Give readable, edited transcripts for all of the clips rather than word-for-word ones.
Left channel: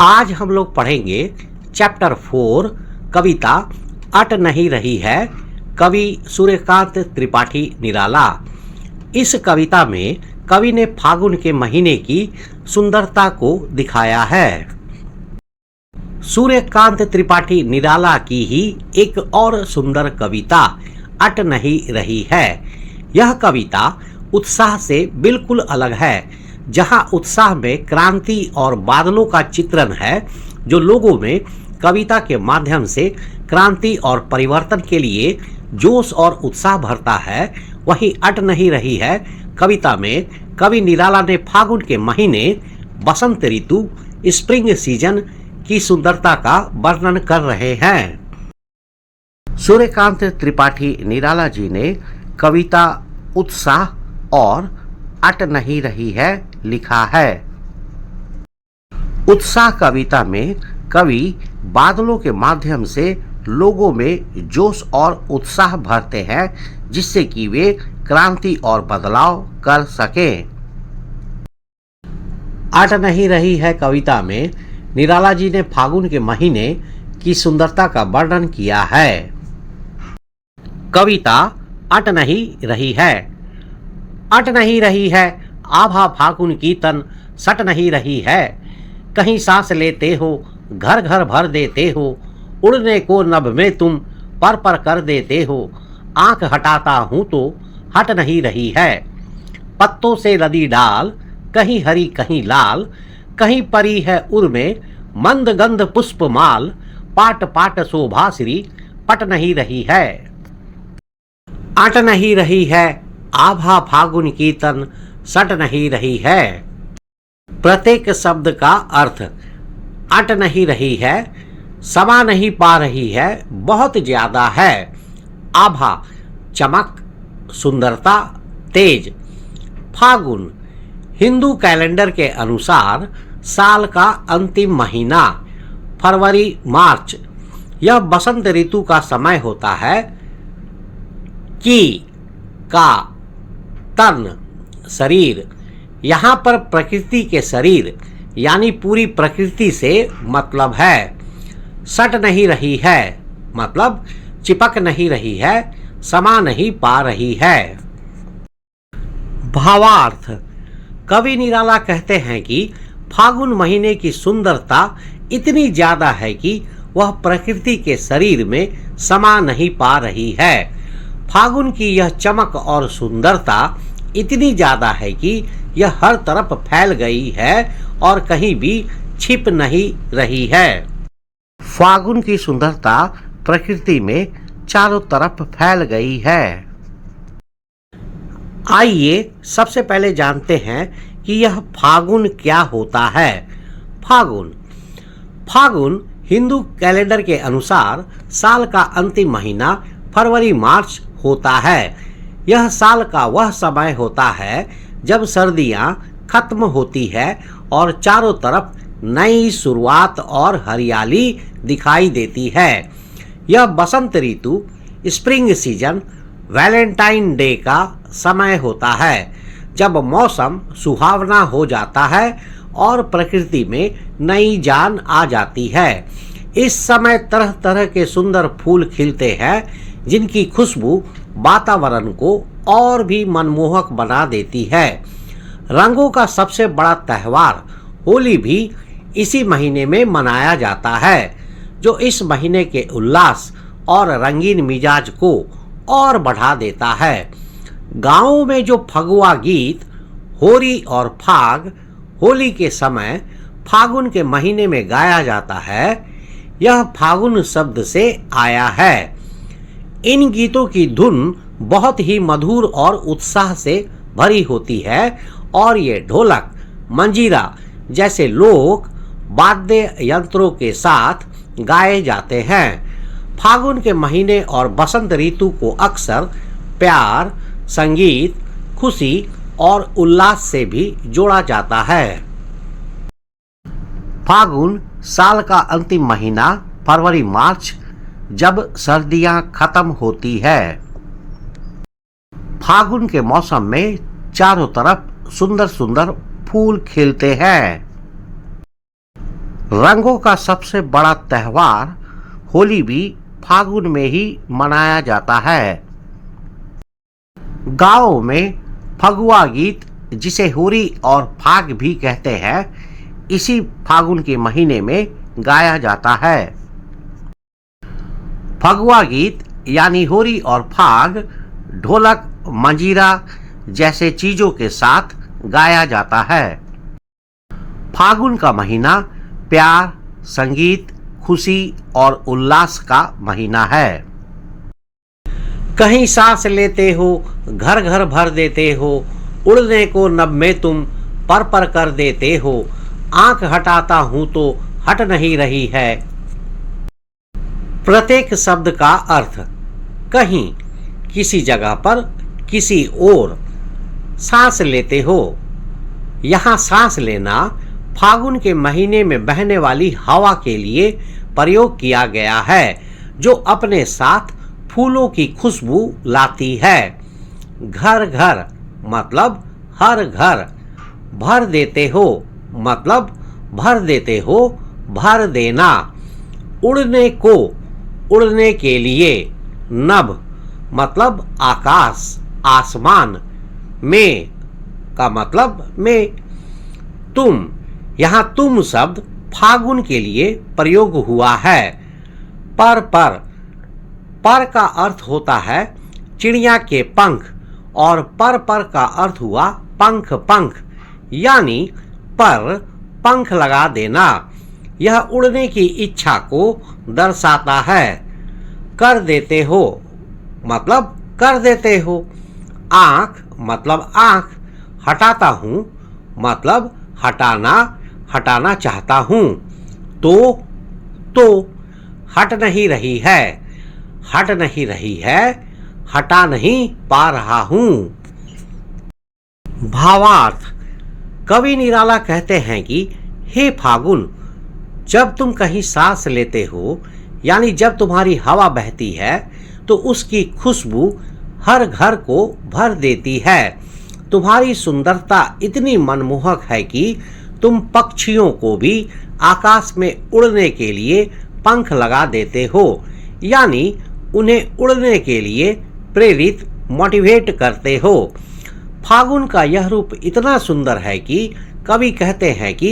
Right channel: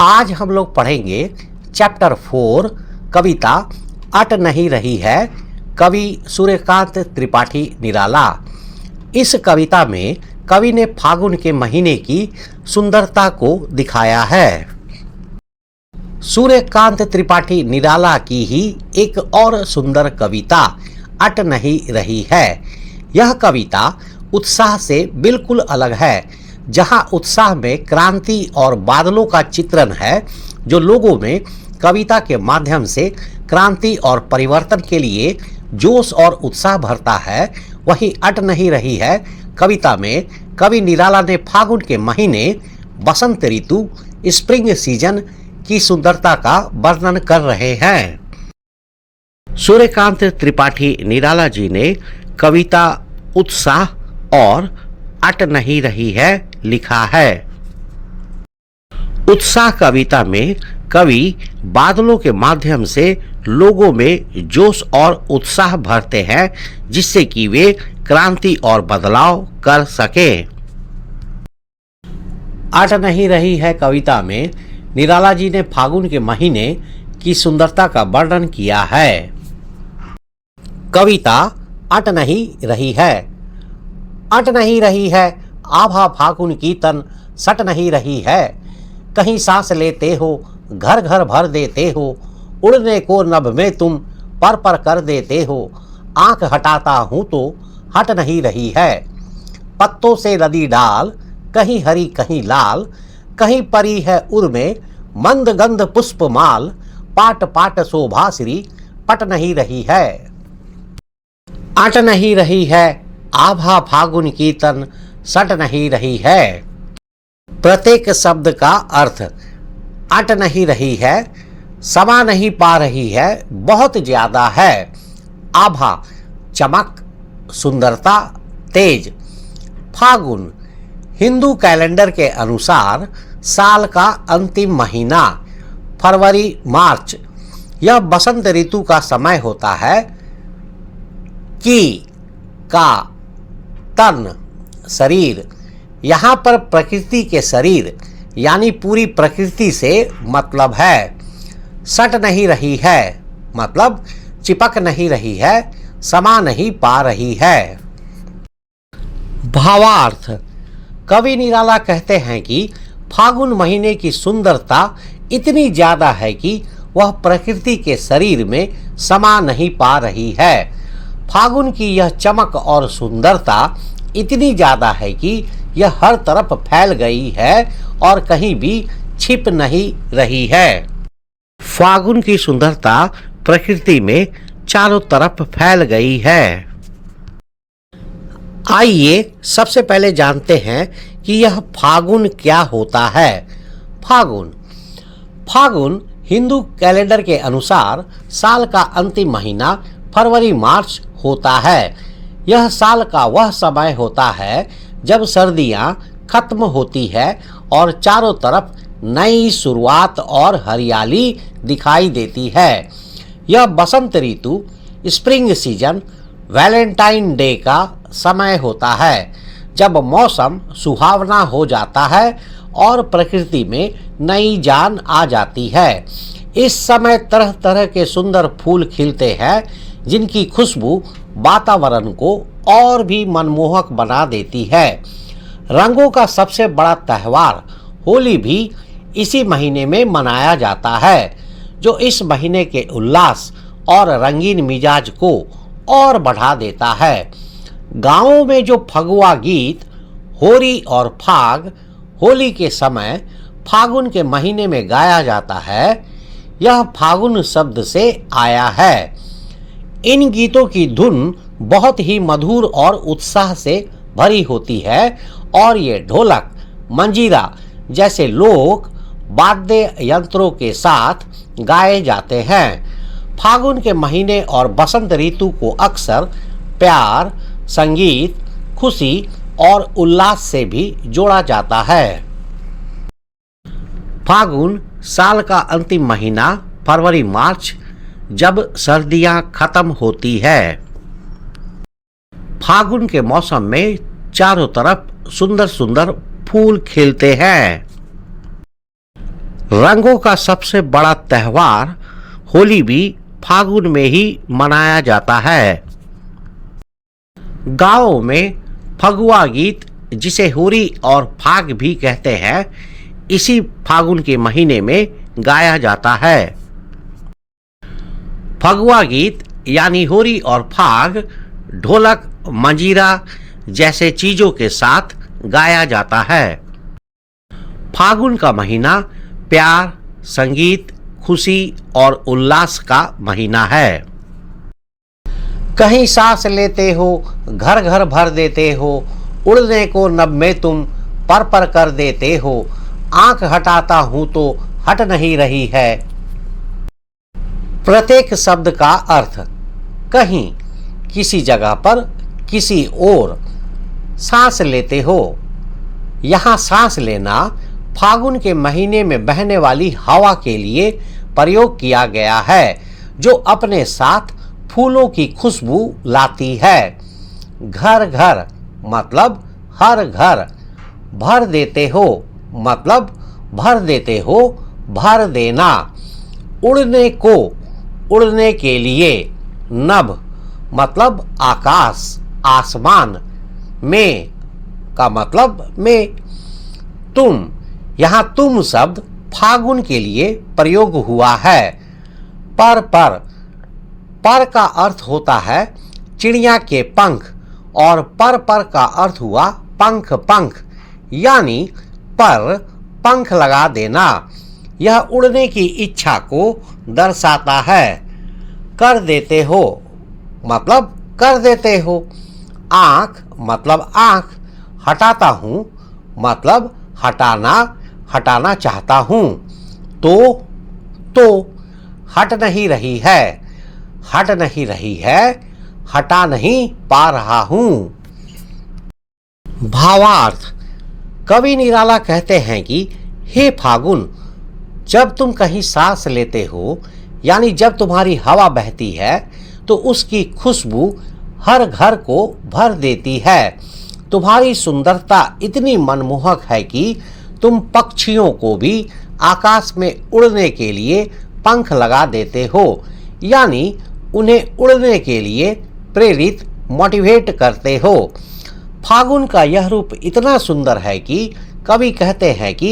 आज हम लोग पढ़ेंगे चैप्टर 4 कविता अट नहीं रही है, कवि सूर्यकांत त्रिपाठी निराला। इस कविता में कवि ने फागुन के महीने की सुंदरता को दिखाया है। सूर्यकांत त्रिपाठी निराला की ही एक और सुंदर कविता अट नहीं रही है। यह कविता उत्साह से बिल्कुल अलग है, जहां उत्साह में क्रांति और बादलों का चित्रण है जो लोगों में कविता के माध्यम से क्रांति और परिवर्तन के लिए जोश और उत्साह भरता है। वही अट नहीं रही है कविता में कवि निराला ने फागुन के महीने, बसंत ऋतु, स्प्रिंग सीजन की सुंदरता का वर्णन कर रहे हैं। सूर्यकांत त्रिपाठी निराला जी ने कविता उत्साह और अट नहीं रही है लिखा है। उत्साह कविता में कवि बादलों के माध्यम से लोगों में जोश और उत्साह भरते हैं, जिससे कि वे क्रांति और बदलाव कर सकें। अट नहीं रही है कविता में निराला जी ने फागुन के महीने की सुंदरता का वर्णन किया है। कविता अट नहीं रही है। अट नहीं रही है आभा फागुन की तन सट नहीं रही है, कहीं सांस लेते हो घर घर भर देते हो, उड़ने को नभ में तुम पर कर देते हो, आंख हटाता हूँ तो हट नहीं रही है। पत्तों से लदी डाल कहीं हरी कहीं लाल, कहीं परी है उर में मंद गंध पुष्प माल, पाट पाट शोभाश्री पट नहीं रही है। अट नहीं रही है आभा फागुन की तन सट नहीं रही है। प्रत्येक शब्द का अर्थ अट नहीं रही है, समा नहीं पा रही है, बहुत ज्यादा है। आभा चमक, सुंदरता, तेज। फागुन हिंदू कैलेंडर के अनुसार साल का अंतिम महीना, फरवरी मार्च। यह बसंत ऋतु का समय होता है। की का तन शरीर, यहाँ पर प्रकृति के शरीर यानी पूरी प्रकृति से मतलब है। सट नहीं रही है मतलब चिपक नहीं रही है, समा नहीं पा रही है। भावार्थ, कवि निराला कहते हैं कि फागुन महीने की सुंदरता इतनी ज्यादा है कि वह प्रकृति के शरीर में समा नहीं पा रही है। फागुन की यह चमक और सुंदरता इतनी ज्यादा है कि यह हर तरफ फैल गई है और कहीं भी छिप नहीं रही है। फागुन की सुंदरता प्रकृति में चारों तरफ फैल गई है। आइए सबसे पहले जानते हैं कि यह फागुन क्या होता है। फागुन हिंदू कैलेंडर के अनुसार साल का अंतिम महीना फरवरी मार्च होता है। यह साल का वह समय होता है जब सर्दियां खत्म होती है और चारों तरफ नई शुरुआत और हरियाली दिखाई देती है। यह बसंत ऋतु, स्प्रिंग सीजन, वैलेंटाइन डे का समय होता है, जब मौसम सुहावना हो जाता है और प्रकृति में नई जान आ जाती है। इस समय तरह तरह के सुंदर फूल खिलते हैं, जिनकी खुशबू वातावरण को और भी मनमोहक बना देती है। रंगों का सबसे बड़ा त्योहार होली भी इसी महीने में मनाया जाता है, जो इस महीने के उल्लास और रंगीन मिजाज को और बढ़ा देता है। गांवों में जो फगुआ गीत होरी और फाग होली के समय फागुन के महीने में गाया जाता है, यह फागुन शब्द से आया है। इन गीतों की धुन बहुत ही मधुर और उत्साह से भरी होती है और ये ढोलक, मंजीरा जैसे लोक वाद्य यंत्रों के साथ गाए जाते हैं। फागुन के महीने और बसंत ऋतु को अक्सर प्यार, संगीत, खुशी और उल्लास से भी जोड़ा जाता है। फागुन साल का अंतिम महीना फरवरी मार्च, जब सर्दियां खत्म होती है। फागुन के मौसम में चारों तरफ सुंदर सुंदर फूल खिलते हैं। रंगों का सबसे बड़ा त्योहार होली भी फागुन में ही मनाया जाता है। गाँव में फगुआ गीत, जिसे होली और फाग भी कहते हैं, इसी फागुन के महीने में गाया जाता है। फगुआ गीत यानी होली और फाग ढोलक, मंजीरा जैसे चीजों के साथ गाया जाता है। फागुन का महीना प्यार, संगीत, खुशी और उल्लास का महीना है। कहीं सांस लेते हो, घर घर भर देते हो, उड़ने को नभ में तुम पर पर कर देते हो, आंख हटाता हूं तो हट नहीं रही है। प्रत्येक शब्द का अर्थ कहीं, किसी जगह पर, किसी ओर। सांस लेते हो, यहाँ सांस लेना फागुन के महीने में बहने वाली हवा के लिए प्रयोग किया गया है, जो अपने साथ फूलों की खुशबू लाती है। घर घर मतलब हर घर, भर देते हो मतलब भर देते हो, भर देना। उड़ने को, उड़ने के लिए। नभ मतलब आकाश, आसमान। में का मतलब में। तुम, यहाँ तुम शब्द फागुन के लिए प्रयोग हुआ है। पर का अर्थ होता है चिड़िया के पंख, और पर का अर्थ हुआ पंख, यानी पर पंख लगा देना। यह उड़ने की इच्छा को दर्शाता है। कर देते हो मतलब कर देते हो। आँख मतलब आँख। हटाता हूँ मतलब हटाना चाहता हूँ। तो हट नहीं रही है, हटा नहीं पा रहा हूँ। भावार्थ। कवि निराला कहते हैं कि हे फागुन, जब तुम कहीं सांस लेते हो, यानी जब तुम्हारी हवा बहती है, तो उसकी खुशबू हर घर को भर देती है। तुम्हारी सुंदरता इतनी मनमोहक है कि तुम पक्षियों को भी आकाश में उड़ने के लिए पंख लगा देते हो, यानी उन्हें उड़ने के लिए प्रेरित, मोटिवेट करते हो। फागुन का यह रूप इतना सुंदर है कि कवि कहते हैं कि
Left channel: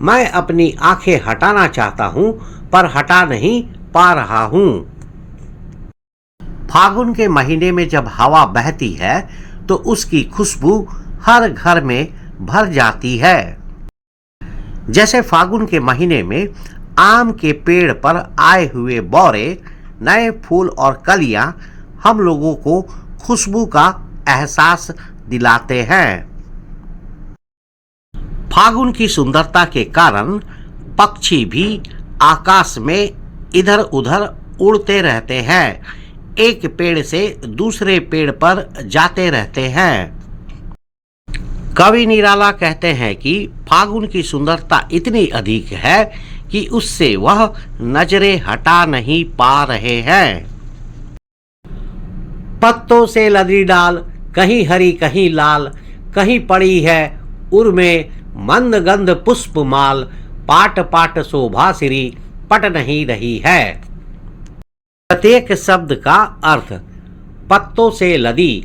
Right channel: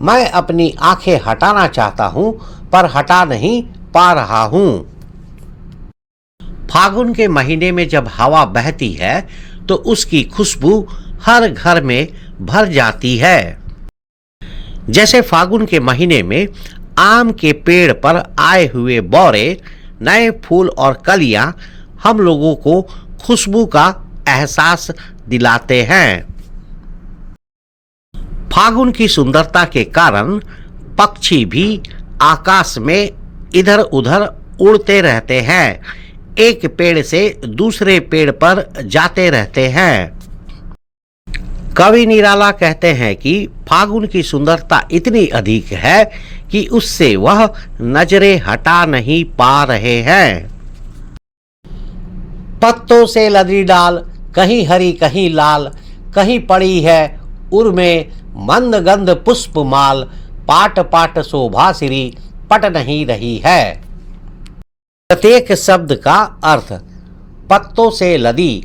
मैं अपनी आंखें हटाना चाहता हूँ, पर हटा नहीं पा रहा हूँ। फागुन के महीने में जब हवा बहती है, तो उसकी खुशबू हर घर में भर जाती है। जैसे फागुन के महीने में आम के पेड़ पर आए हुए बौरे, नए फूल और कलियां हम लोगों को खुशबू का एहसास दिलाते हैं। फागुन की सुंदरता के कारण पक्षी भी आकाश में इधर उधर उड़ते रहते हैं, एक पेड़ से दूसरे पेड़ पर जाते रहते हैं। कवि निराला कहते हैं कि फागुन की सुंदरता इतनी अधिक है कि उससे वह नजरें हटा नहीं पा रहे हैं। पत्तों से लदी डाल, कहीं हरी कहीं लाल, कहीं पड़ी है उर में मंद गंध पुष्प माल, पाट पाट शोभा श्री पट नहीं रही है। प्रत्येक शब्द का अर्थ। पत्तों से लदी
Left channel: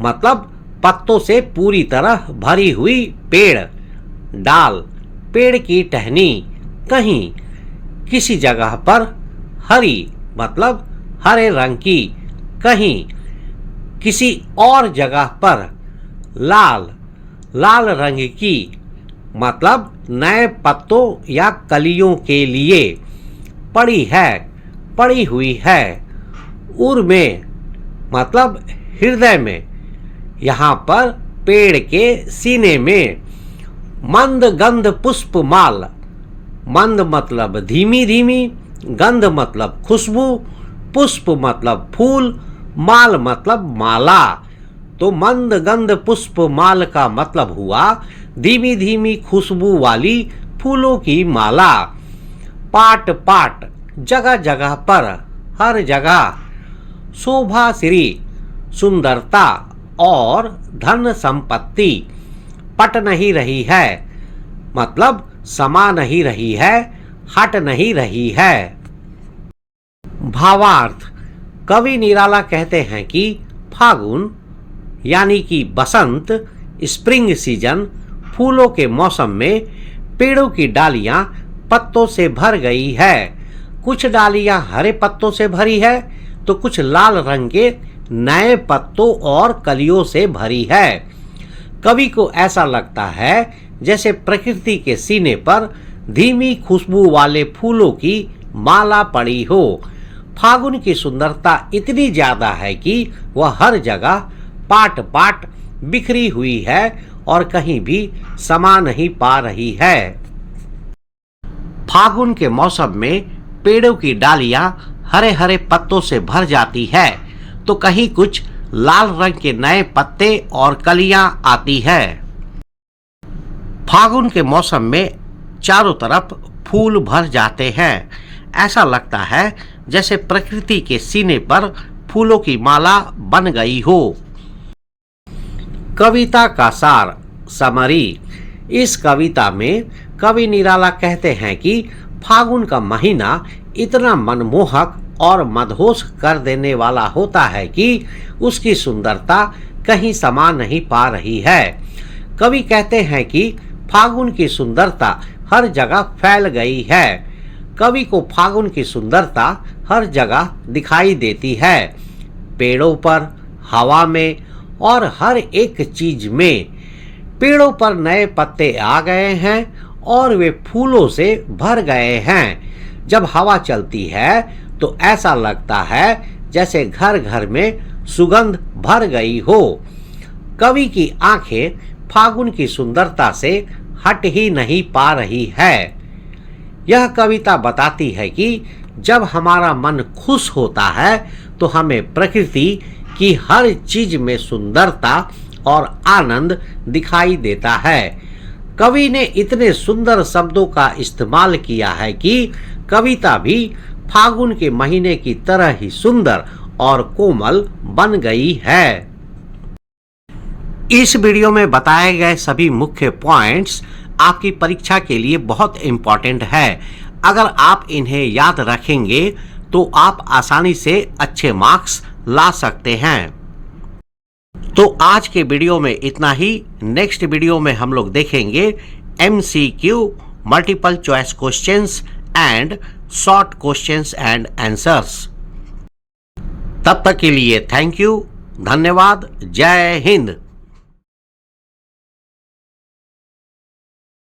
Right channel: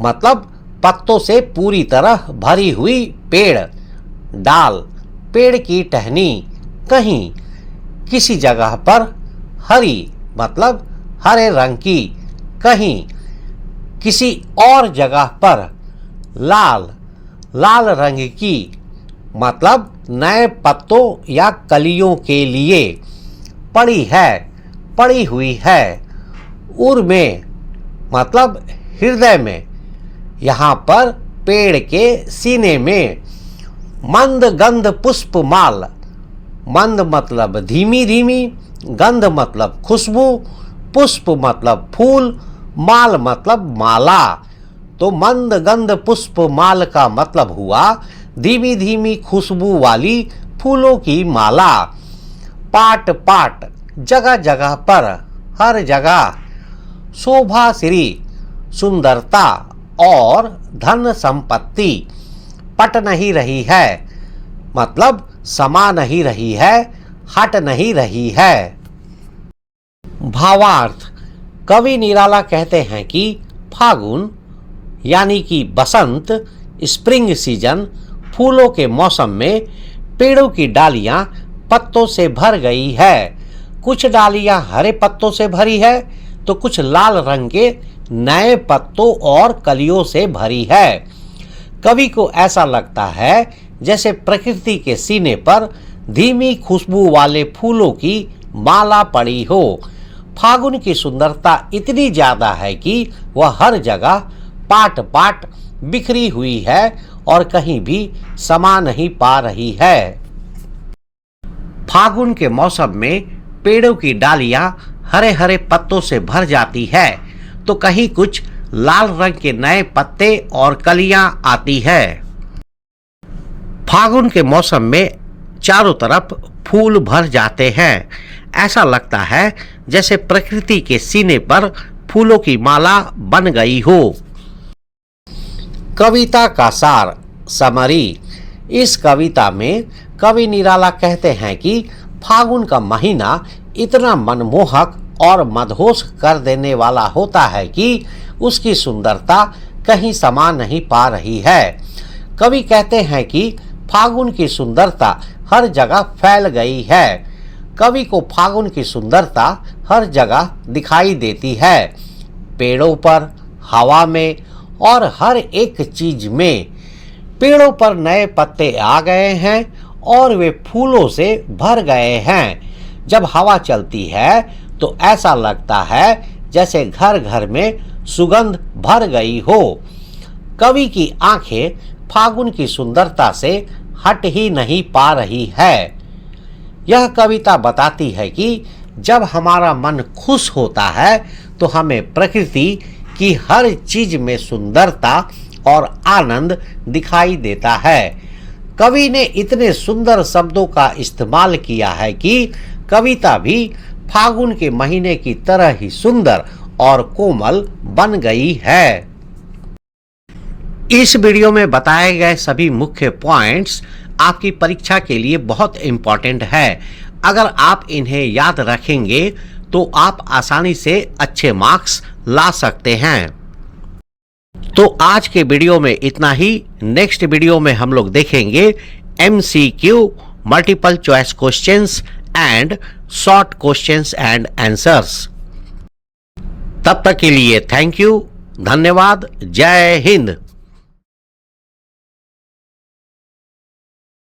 मतलब पत्तों से पूरी तरह भरी हुई पेड़। डाल, पेड़ की टहनी। कहीं, किसी जगह पर। हरी मतलब हरे रंग की। कहीं, किसी और जगह पर। लाल, लाल रंग की मतलब नए पत्तों या कलियों के लिए। पड़ी है, पड़ी हुई है। उर में मतलब हृदय में, यहाँ पर पेड़ के सीने में। मंद गंध पुष्प माल, मंद मतलब धीमी धीमी, गंध मतलब खुशबू, पुष्प मतलब फूल, माल मतलब माला। तो मंद गंध पुष्प माल का मतलब हुआ धीमी धीमी खुशबू वाली फूलों की माला। पाट पाट जगह जगह पर, हर जगह। शोभा श्री सुंदरता और धन संपत्ति। पट नहीं रही है मतलब समा नहीं रही है, हट नहीं रही है। भावार्थ। कवि निराला कहते हैं कि फागुन यानी कि बसंत, स्प्रिंग सीजन, फूलों के मौसम में पेड़ों की डालियां पत्तों से भर गई है। कुछ डालियां हरे पत्तों से भरी है तो कुछ लाल रंग के नए पत्तों और कलियों से भरी है। कवि को ऐसा लगता है जैसे प्रकृति के सीने पर धीमी खुशबू वाले फूलों की माला पड़ी हो। फागुन की सुंदरता इतनी ज्यादा है कि वह हर जगह पाट पाट बिखरी हुई है और कहीं भी समा नहीं पा रही है। फागुन के मौसम में पेड़ों की डालियां हरे हरे पत्तों से भर जाती है तो कहीं कुछ लाल रंग के नए पत्ते और कलियां आती है। फागुन के मौसम में चारों तरफ फूल भर जाते हैं। ऐसा लगता है जैसे प्रकृति के सीने पर फूलों की माला बन गई हो। कविता का सार, समरी। इस कविता में कवि निराला कहते हैं कि फागुन का महीना इतना मनमोहक और मदहोश कर देने वाला होता है कि उसकी सुंदरता कहीं समा नहीं पा रही है। कवि कहते हैं कि फागुन की सुंदरता हर जगह फैल गई है। कवि को फागुन की सुंदरता हर जगह दिखाई देती है, पेड़ों पर, हवा में और हर एक चीज में। पेड़ों पर नए पत्ते आ गए हैं और वे फूलों से भर गए हैं। जब हवा चलती है तो ऐसा लगता है जैसे घर घर में सुगंध भर गई हो। कवि की आंखें फागुन की सुंदरता से हट ही नहीं पा रही है। यह कविता बताती है कि जब हमारा मन खुश होता है तो हमें प्रकृति की हर चीज में सुंदरता और आनंद दिखाई देता है। कवि ने इतने सुंदर शब्दों का इस्तेमाल किया है कि कविता भी फागुन के महीने की तरह ही सुंदर और कोमल बन गई है। इस वीडियो में बताए गए सभी मुख्य पॉइंट्स आपकी परीक्षा के लिए बहुत इम्पोर्टेंट है। अगर आप इन्हें याद रखेंगे तो आप आसानी से अच्छे मार्क्स ला सकते हैं। तो आज के वीडियो में इतना ही। नेक्स्ट वीडियो में हम लोग देखेंगे MCQ, multiple choice questions and short questions and answers. तब तक के लिए थैंक यू, धन्यवाद, जय हिंद।